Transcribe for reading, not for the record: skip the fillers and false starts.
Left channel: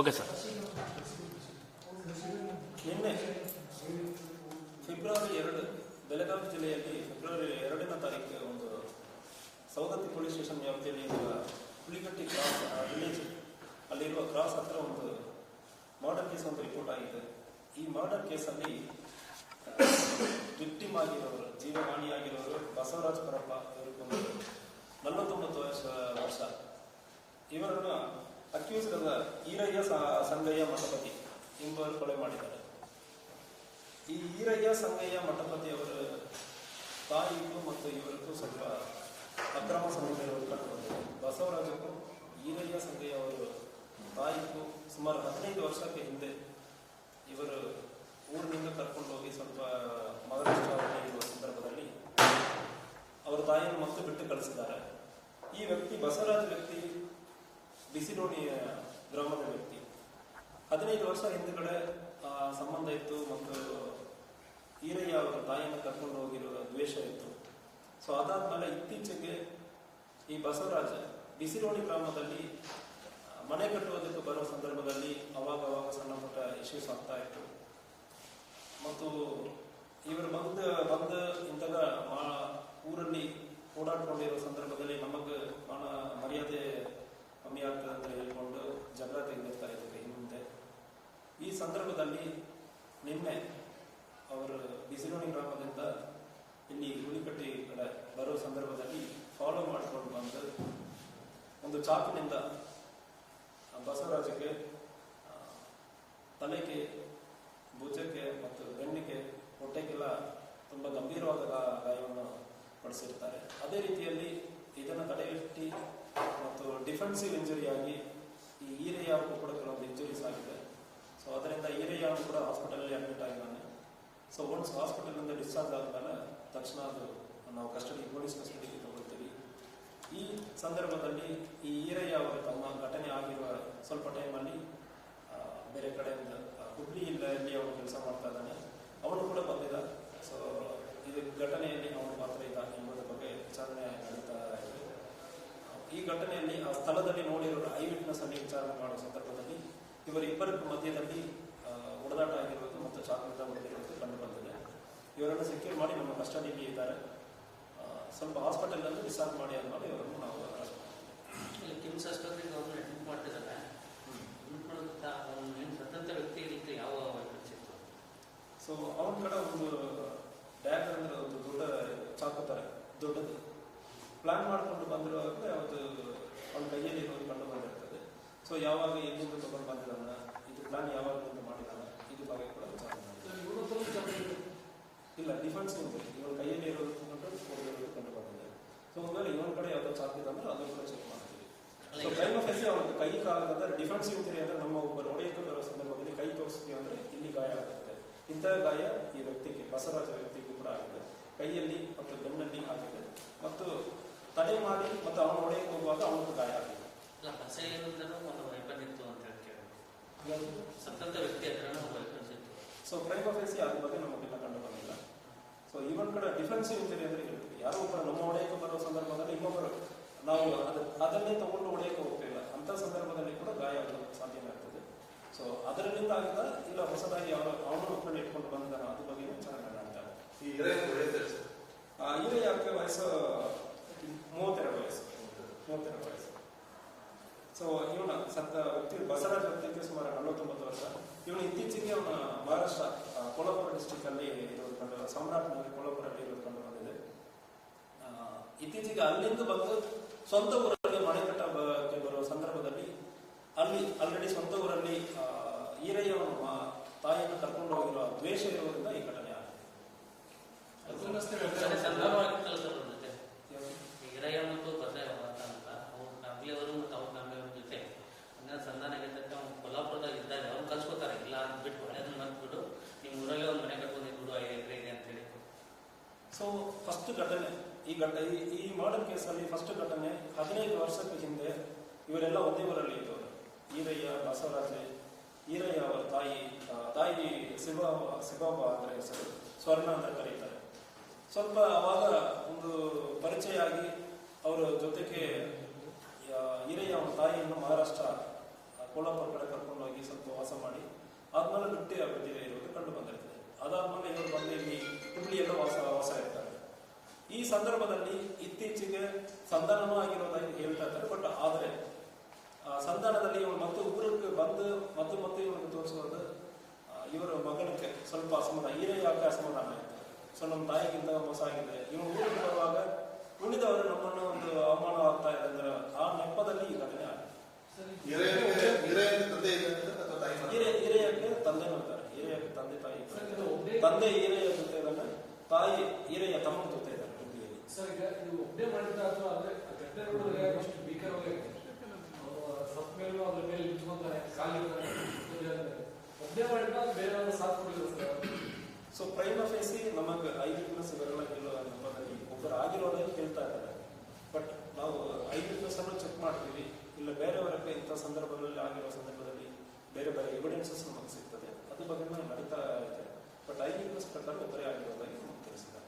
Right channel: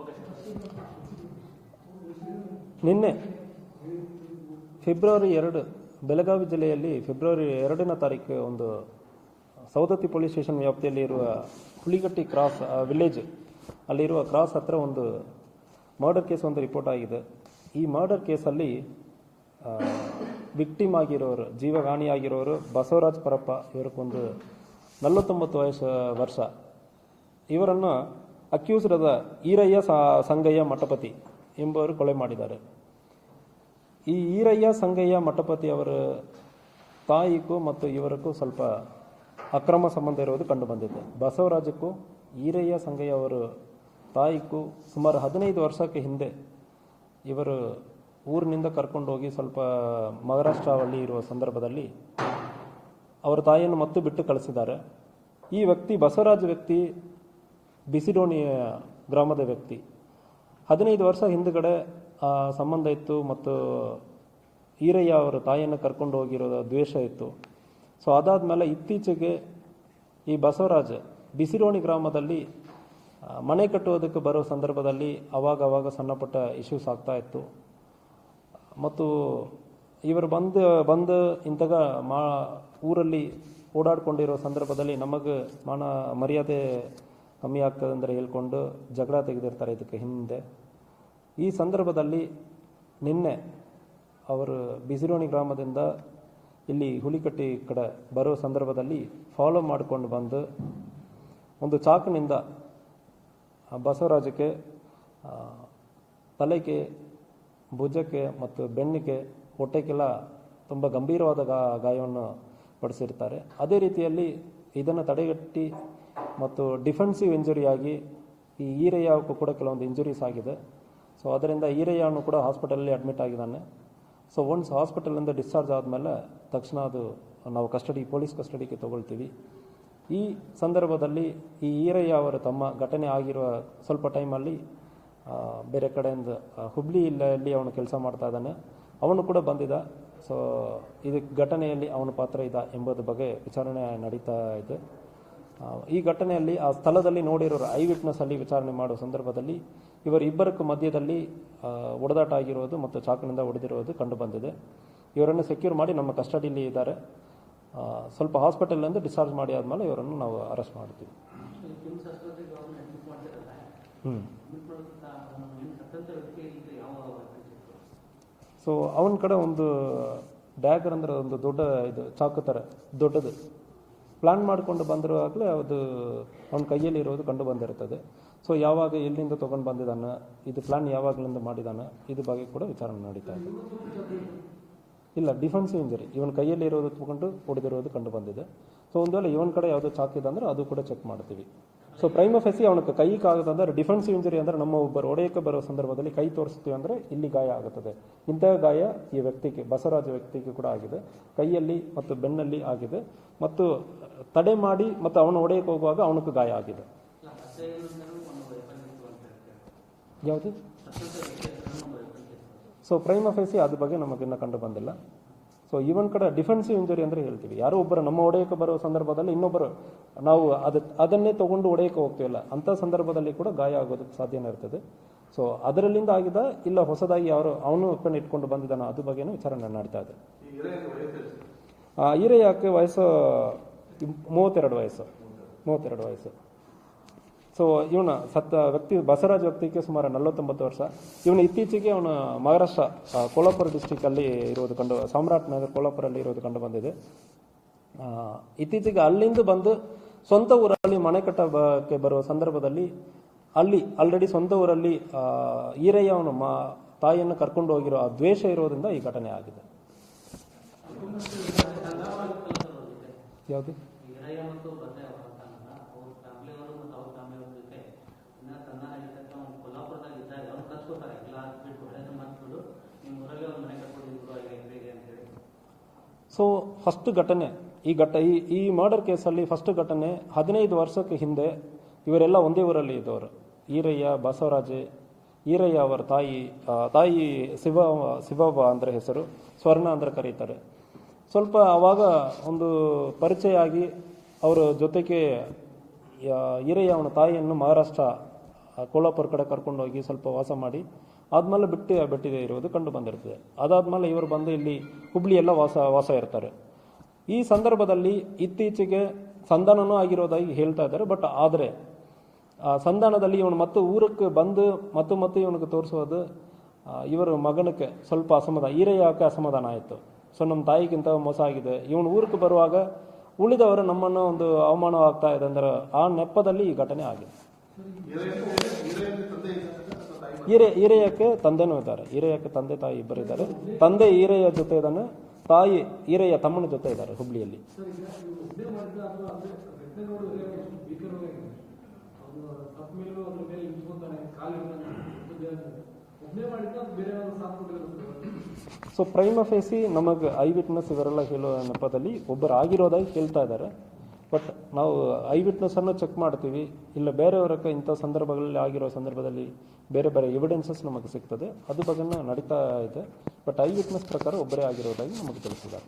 Okay sir. ನಿನ್ನೆ February 2 Belagavi ಜಿಲ್ಲೆಯಲ್ಲಿ February 2ನೇ ತಾರೀಕು ಒಂದು ಸೌದತ್ತಿ ಪೊಲೀಸ್ ಸ್ಟೇಷನ್ ವ್ಯಾಪ್ತಿಯಲ್ಲಿ ಇರುವ ಹುಲಿಗಟ್ಟಿ ಕ್ರಾಸ್ ವಿಲೇಜ್ ಅಲ್ಲಿರುವ ಕ್ರಾಸ್ ಹತ್ರ ಒಂದು ಮರ್ಡರ್ ಕೇಸ್ ಒಂದು ರಿಪೋರ್ಟ್ ಆಗಿದೆ. ಈ ಮರ್ಡರ್ ಕೇಸಲ್ಲಿ ವಿಕ್ಟಿಮ್ ಆಗಿರೋರು, ಜೀವಹಾನಿಯಾಗಿರೋರು ಬಸವರಾಜ್ ಪರಪ್ಪ, ಇವರಿಗೊಂದು 49 ವರ್ಷ. ಇವರನ್ನು ಅಕ್ಯೂಸ್ಡ್ ಆದ ಈರಯ್ಯ ಸಂಗಯ್ಯ ಮಠಪತಿ ಎಂಬುವರು ಕೊಲೆ ಮಾಡಿದ್ದಾರೆ. ಈ ಈರಯ್ಯ ಸಂಗಯ್ಯ ಮಠಪತಿ ಅವರ ತಾಯಿಗೂ ಮತ್ತು ಇವರಿಗೂ ಸ್ವಲ್ಪ ಅಕ್ರಮ ಸಂಬಂಧ ಇರುವುದು ಕಂಡುಬಂದಿದೆ. ಬಸವರಾಜಕ್ಕೂ ಈರಯ್ಯ ಸಂಗಯ್ಯ ಅವರ ತಾಯಿಗೂ ಸುಮಾರು 15 ವರ್ಷಕ್ಕೆ ಹಿಂದೆ ಇವರು ಊರಿನಿಂದ ಕರ್ಕೊಂಡು ಹೋಗಿ ಸ್ವಲ್ಪ ಮಹಾರಾಷ್ಟ್ರದಲ್ಲಿ ಇರುವ ಸಂದರ್ಭದಲ್ಲಿ ಅವರ ತಾಯಿಯನ್ನು ಮತ್ತು ಬಿಟ್ಟು ಕಳಿಸಿದ್ದಾರೆ. ಈ ವ್ಯಕ್ತಿ ಬಸವರಾಜ್ ವ್ಯಕ್ತಿ ಬಿಸಿಡೋಣಿ ಗ್ರಾಮದ ವ್ಯಕ್ತಿ. 15 ವರ್ಷ ಹಿಂದುಗಡೆ ಸಂಬಂಧ ಇತ್ತು ಮತ್ತು ಈರಯ್ಯ ಅವರ ತಾಯಿಯನ್ನು ಕರ್ಕೊಂಡು ಹೋಗಿರೋ ದ್ವೇಷ ಇತ್ತು. ಸೊ ಅದಾದಮೇಲೆ ಇತ್ತೀಚೆಗೆ ಈ ಬಸವರಾಜ ಬಿಸಿಡೋಣಿ ಗ್ರಾಮದಲ್ಲಿ ಮನೆ ಕಟ್ಟುವುದಕ್ಕೆ ಬರೋ ಸಂದರ್ಭದಲ್ಲಿ ಅವಾಗ ಸಣ್ಣ ಪುಟ್ಟ ಇಶ್ಯೂಸ್ ಆಗ್ತಾ ಇತ್ತು. ಮತ್ತು ಇವರು ಬಂದು ಇಂತಹ ಊರಲ್ಲಿ ಓಡಾಡ್ಕೊಂಡಿರೋ ಸಂದರ್ಭದಲ್ಲಿ ನಮಗೆ ಮರ್ಯಾದೆ ಕಮ್ಮಿ ಆಗ್ತದೆ ಅಂದರೆ ಹೇಳ್ಕೊಂಡು ಜಗಳ ತೆಗೆದಿರ್ತಾರೆ ಇದಕ್ಕೆ ಹಿಂದೆ. ಈ ಸಂದರ್ಭದಲ್ಲಿ ನಿನ್ನೆ ಅವರು ಬಿಸಿರೋಣಿ ಗ್ರಾಮದಿಂದ ಇಲ್ಲಿ ಹುಲಿಕಟ್ಟಿ ಕಡೆ ಬರೋ ಸಂದರ್ಭದಲ್ಲಿ ಫಾಲೋ ಮಾಡಿಕೊಂಡು ಬಂದು ಒಂದು ಚಾಕಿನಿಂದ ಬಸವರಾಜಕ್ಕೆ ತಲೆಗೆ, ಭುಜಕ್ಕೆ ಮತ್ತು ಬೆನ್ನಿಗೆ, ಹೊಟ್ಟೆಗೆಲ್ಲ ತುಂಬ ಗಂಭೀರವಾದ ಗಾಯವನ್ನು ಪಡಿಸಿರ್ತಾರೆ. ಅದೇ ರೀತಿಯಲ್ಲಿ ಇದನ್ನು ತಡೆಗಟ್ಟಿ ಮತ್ತು ಡಿಫೆನ್ಸಿವ್ ಇಂಜುರಿಯಾಗಿ ಈ ಈರಯ್ಯಕ್ಕೂ ಕೂಡ ಕೆಲವೊಂದು ಇಂಜುರೀಸ್ ಆಗಿದೆ. ಸೊ ಅದರಿಂದ ಈರಯ್ಯನು ಕೂಡ ಹಾಸ್ಪಿಟಲಲ್ಲಿ ಅಡ್ಮಿಟ್ ಆಗಿದ್ದಾನೆ. ಸೊ ಒನ್ಸ್ ಹಾಸ್ಪಿಟಲಿಂದ ಡಿಸ್ಚಾರ್ಜ್ ಆದಮೇಲೆ ತಕ್ಷಣ ಅದು ನಾವು ಪೊಲೀಸ್ ಕಸ್ಟಡಿಗೆ ತಗೊಳ್ತೀವಿ. ಈ ಸಂದರ್ಭದಲ್ಲಿ ಈ ಈರಯ್ಯ ಅವರ ತಮ್ಮ ಘಟನೆ ಆಗಿರುವ ಸ್ವಲ್ಪ ಟೈಮಲ್ಲಿ ಬೇರೆ ಕಡೆಯಿಂದ ಹುಬ್ಳಿಯಲ್ಲಿ ಅವನು ಕೆಲಸ ಮಾಡ್ತಾ ಇದ್ದಾನೆ. ಅವನು ಕೂಡ ಬಂದಿದ್ದ. ಸೊ ಇದು ಘಟನೆಯಲ್ಲಿ ಅವನ ಪಾತ್ರ ಇದೆ ಎಂಬುದರ ಬಗ್ಗೆ ವಿಚಾರಣೆ ನಡೀತಾ ಇದೆ. ಈ ಘಟನೆಯಲ್ಲಿ ಆ ಸ್ಥಳದಲ್ಲಿ ನೋಡಿರೋರು ಐ ವಿಟ್ನೆಸ್ ಅಲ್ಲಿ ವಿಚಾರಣೆ ಮಾಡುವ ಸಂದರ್ಭದಲ್ಲಿ ಇವರಿಬ್ಬರಕ್ಕೂ ಮಧ್ಯದಲ್ಲಿ ಹೊಡೆದಾಟ ಆಗಿರುವುದು ಮತ್ತು ಚಾಕಿನಿಂದ ಹೊಡೆದಿರುವುದು ಕಂಡು ಬಂದಿದೆ. ಇವರನ್ನು ಸೆಕ್ಯೂರ್ ಮಾಡಿ ನಮ್ಮ ಕಸ್ಟಡಿಯಲ್ಲಿ ಇದ್ದಾರೆ. ಸ್ವಲ್ಪ ಹಾಸ್ಪಿಟಲಿಂದ ಡಿಸ್ಚಾರ್ಜ್ ಮಾಡಿ ಆದ್ಮೇಲೆ ಇವರನ್ನು ನಾವು ಅರೆಸ್ಟ್ ಮಾಡ್ತೀವಿ. ಸೊ ಅವನ ಕಡೆ ಒಂದು ಡ್ಯಾಗರ್ ಅಂದ್ರೆ ಒಂದು ದೊಡ್ಡ ಇದು ಚಾಕು ಥರ ದೊಡ್ಡದು ಪ್ಲಾನ್ ಮಾಡಿಕೊಂಡು ಬಂದಿರುವಾಗಲೇ ಅದು ಅವನ ಕೈಯಲ್ಲಿ ಇರೋದು ಕಂಡು ಬಂದಿರುತ್ತದೆ. ಸೊ ಯಾವಾಗ ಎಲ್ಲಿಂದ ತೊಗೊಂಡು ಬಂದಿದ್ದಾನೆ, ಇದು ಪ್ಲಾನ್ ಯಾವಾಗಲಿಂದ ಮಾಡಿದ್ದಾನೆ, ಇದು ಬಗ್ಗೆ ಕೂಡ ವಿಚಾರಣೆ ನಡೀತಾರೆ. ಇಲ್ಲ, ಡಿಫೆನ್ಸಿವ್ ಇಂಜರಿ ಇವನ ಕೈಯಲ್ಲಿ ಇರೋದು ತಗೊಂಡು ಹೊಡೆದಿರೋದು ಕಂಡು ಬಂದಿದೆ. ಸೊ ಒಂದು ವೇಳೆ ಇವನ ಕಡೆ ಯಾವುದೇ ಚಾಕಿದೆ ಅಂದ್ರೆ ಅದು ಕೂಡ ಚೆಕ್ ಮಾಡ್ತೀವಿ. ಸೊ ಪ್ರೈಮ ಫೆಸಿ ಅವನಿಗೆ ಕೈ ಕಾಗದಂದ್ರೆ ಡಿಫೆನ್ಸಿವ್ ಇಂಜರಿ ಅಂದ್ರೆ ನಮ್ಮ ಒಬ್ಬರು ಹೊಡೆಯಕ್ಕೆ ಬರೋ ಸಂದರ್ಭದಲ್ಲಿ ಕೈ ತೋರಿಸ್ತೀವಿ ಅಂದ್ರೆ ಇಲ್ಲಿ ಗಾಯ ಆಗುತ್ತದೆ. ಇಂತಹ ಗಾಯ ಈ ವ್ಯಕ್ತಿಗೆ, ಬಸವರಾಜ ವ್ಯಕ್ತಿಗೆ ಕೂಡ ಆಗಿದೆ. ಕೈಯಲ್ಲಿ ಮತ್ತು ಬೆನ್ನಲ್ಲಿ ಆಗಿದೆ ಮತ್ತು ತಡೆ ಮಾಡಿ ಮತ್ತು ಅವನು ಹೊಡೆಯಕ್ಕೆ ಹೋಗುವಾಗ ಅವನಿಗೂ ಗಾಯ ಆಗಿದೆ. ಯಾವುದು? ಸೊ ಪ್ರೈಮ ಫೇಸಿ ಅದ್ರ ಬಗ್ಗೆ ನಮಗಿನ್ನ ಕಂಡು ಬಂದಿಲ್ಲ. ಸೊ ಇವನ್ ಕಡೆ ಡಿಫೆನ್ಸಿವ್ ಇಂಜರಿ ಅಂದ್ರೆ ಹೇಳ್ತೀವಿ, ಯಾರೋ ಒಬ್ಬರು ನಮ್ಮ ಹೊಡೆಯಕ್ಕೆ ಬರೋ ಸಂದರ್ಭದಲ್ಲಿ ಇನ್ನೊಬ್ಬರು ನಾವು ಅದನ್ನೇ ತಗೊಂಡು ಹೊಡೆಯಕ್ಕೆ ಹೋಗ್ತಿಲ್ಲ ಅಂತ ಸಂದರ್ಭದಲ್ಲಿ ಕೂಡ ಗಾಯ ಆಗೋದಕ್ಕೆ ಸಾಧ್ಯನೇ ಇರ್ತದೆ. ಸೊ ಅದರಲ್ಲಿಂದ ಆಗಿದೆ, ಇಲ್ಲ ಹೊಸದಾಗಿ ಅವನು ಒಪ್ಪನೆ ಇಟ್ಕೊಂಡು ಬಂದಿದ್ದಾನ, ಅದ್ರ ಬಗ್ಗೆನೂ ವಿಚಾರಣೆ ನಡೀತಾ ಇದೆ. ಈರಯ್ಯಕ್ಕೆ ವಯಸ್ಸು 32 ವಯಸ್ಸು. ಸೊ ಇವನ ಸತ್ತ ವ್ಯಕ್ತಿ ಬಸವರಾಜ್ ವ್ಯಕ್ತಿಗೆ ಸುಮಾರು 49 ವರ್ಷ. ಇವನು ಇತ್ತೀಚೆಗೆ ಅವನು ಮಹಾರಾಷ್ಟ್ರ ಕೋಲ್ಹಾಪುರ ಡಿಸ್ಟಿಕ್ ಅಲ್ಲಿ ಇರೋದು ಸಾಮ್ರಾಟ್ ನಗರ್ ಕೋಲ್ಹಾಪುರಲ್ಲಿ ಇರೋದು ಕಂಡು ಬಂದಿದೆ. ಇತ್ತೀಚೆಗೆ ಅಲ್ಲಿಂದ ಬಂದು ಸ್ವಂತ ಊರಲ್ಲಿ ಮನೆ ಕಟ್ಟಕ್ಕೆ ಬರುವ ಸಂದರ್ಭದಲ್ಲಿ ಅಲ್ಲಿ ಆಲ್ರೆಡಿ ಸ್ವಂತ ಊರಲ್ಲಿ ಈರಯ್ಯ ಅವನು ತಾಯಿಯನ್ನು ಕರ್ಕೊಂಡು ಹೋಗಿರೋ ಆ ದ್ವೇಷ ಇರೋದ್ರಿಂದ ಈ ಘಟನೆ ಆಗಿದೆ. ಯಾವುದು? ಸೊ ಫಸ್ಟ್ ಘಟನೆ ಈ ಮರ್ಡರ್ ಕೇಸಲ್ಲಿ ಫಸ್ಟ್ ಘಟನೆ 15 ವರ್ಷಕ್ಕೆ ಹಿಂದೆ ಇವರೆಲ್ಲ ಒಂದೇ ಊರಲ್ಲಿ ಇದ್ದವರು. ಈರಯ್ಯ, ಬಸವರಾಜೆ, ಈರಯ್ಯ ಅವರ ತಾಯಿ ಶಿವವ್ವ ಅಂದ್ರೆ ಹೆಸರು, ಸ್ವರ್ಣ ಅಂದ್ರೆ ಕರೀತಾರೆ. ಸ್ವಲ್ಪ ಆವಾಗ ಒಂದು ಪರಿಚಯ ಆಗಿ ಅವರ ಜೊತೆಗೆ ಈರಯ್ಯ ಅವನ ತಾಯಿಯನ್ನು ಮಹಾರಾಷ್ಟ್ರ ಕೋಲಾಪುರ ಕಡೆ ಕರ್ಕೊಂಡೋಗಿ ಸ್ವಲ್ಪ ವಾಸ ಮಾಡಿ ಆದ್ಮೇಲೆ ಬಿಟ್ಟಿದೆ ಇರೋದು ಕಂಡು ಬಂದಿರ್ತದೆ. ಅದಾದ್ಮೇಲೆ ಇವರು ಬಂದು ಇಲ್ಲಿ ಹುಬ್ಳಿಯೆಲ್ಲ ವಾಸ ಇರ್ತಾರೆ. ಈ ಸಂದರ್ಭದಲ್ಲಿ ಇತ್ತೀಚೆಗೆ ಸಂಧಾನನೂ ಆಗಿರೋದಾಗಿ ಹೇಳ್ತಾ ಇದ್ದಾರೆ. ಬಟ್ ಆದರೆ ಆ ಸಂಧಾನದಲ್ಲಿ ಇವನು ಮತ್ತು ಊರಕ್ಕೆ ಬಂದು ಮತ್ತು ಇವನಿಗೆ ತೋರಿಸೋದು ಇವರ ಮಗನಕ್ಕೆ ಸ್ವಲ್ಪ ಅಸಮಾಧಾನ, ಈರಯ್ಯಕ್ಕೆ ಅಸಮಾಧಾನ ಆಯಿತು. ಸೊ ನಮ್ಮ ತಾಯಿಗಿಂತ ಮೋಸ ಆಗಿದೆ, ಇವನು ಊರಿಗೆ ಬರುವಾಗ ಉಳಿದವರು ನಮ್ಮನ್ನು ಒಂದು ಅವಮಾನವಾಗ್ತಾ ಇದೆ ಅಂದ್ರೆ ಆ ನೆಪದಲ್ಲಿ ಈ ಘಟನೆ ಆಗಿದೆ. ಈರಯ್ಯಕ್ಕೆ ತಂದೆನೂ ಇದ್ದಾರೆ, ಈರಯ್ಯಕ್ಕೆ ತಂದೆ ತಾಯಿ ಇಬ್ಬರು ಇದ್ದಾರೆ. ತಂದೆ ಈರಯ್ಯ ಜೊತೆ ಇದ್ದಾನೆ, ತಾಯಿ ಈರಯ್ಯ ತಮ್ಮನ ಜೊತೆ ಇದ್ದಾರೆ ಹುಬ್ಳಿಯಲ್ಲಿ. ಸೊ ಪ್ರೈಮ ಫೇಸಿ ನಮಗೆ ಐ ವಿಟ್ನೆಸ್ ಇವರೆಲ್ಲ ಹೇಳೋ ನೆಪದಲ್ಲಿ ಒಬ್ಬರು ಆಗಿರೋದಾಗಿ ಕೇಳ್ತಾ ಇದ್ದಾರೆ. ಬಟ್ ನಾವು ಐ ವಿಟ್ನೆಸ್ ಅನ್ನು ಚೆಕ್ ಮಾಡ್ತೀವಿ, ಇಲ್ಲ ಬೇರೆಯವರಕ್ಕೆ ಇಂಥ ಸಂದರ್ಭಗಳಲ್ಲಿ ಆಗಿರೋ ಸಂದರ್ಭದಲ್ಲಿ ಬೇರೆ ಎವಿಡೆನ್ಸಸ್ ನಮಗೆ ಸಿಗ್ತದೆ, ಅದು ಬಗ್ಗೆ ನಡೀತಾ ಇದೆ. ಬಟ್ ಐ ವಿಟ್ನೆಸ್ ಪ್ರಕಾರ ಒಬ್ಬರೇ ಆಗಿರೋದಾಗಿ ನಮಗೆ ತಿಳಿಸಿದ್ದಾರೆ.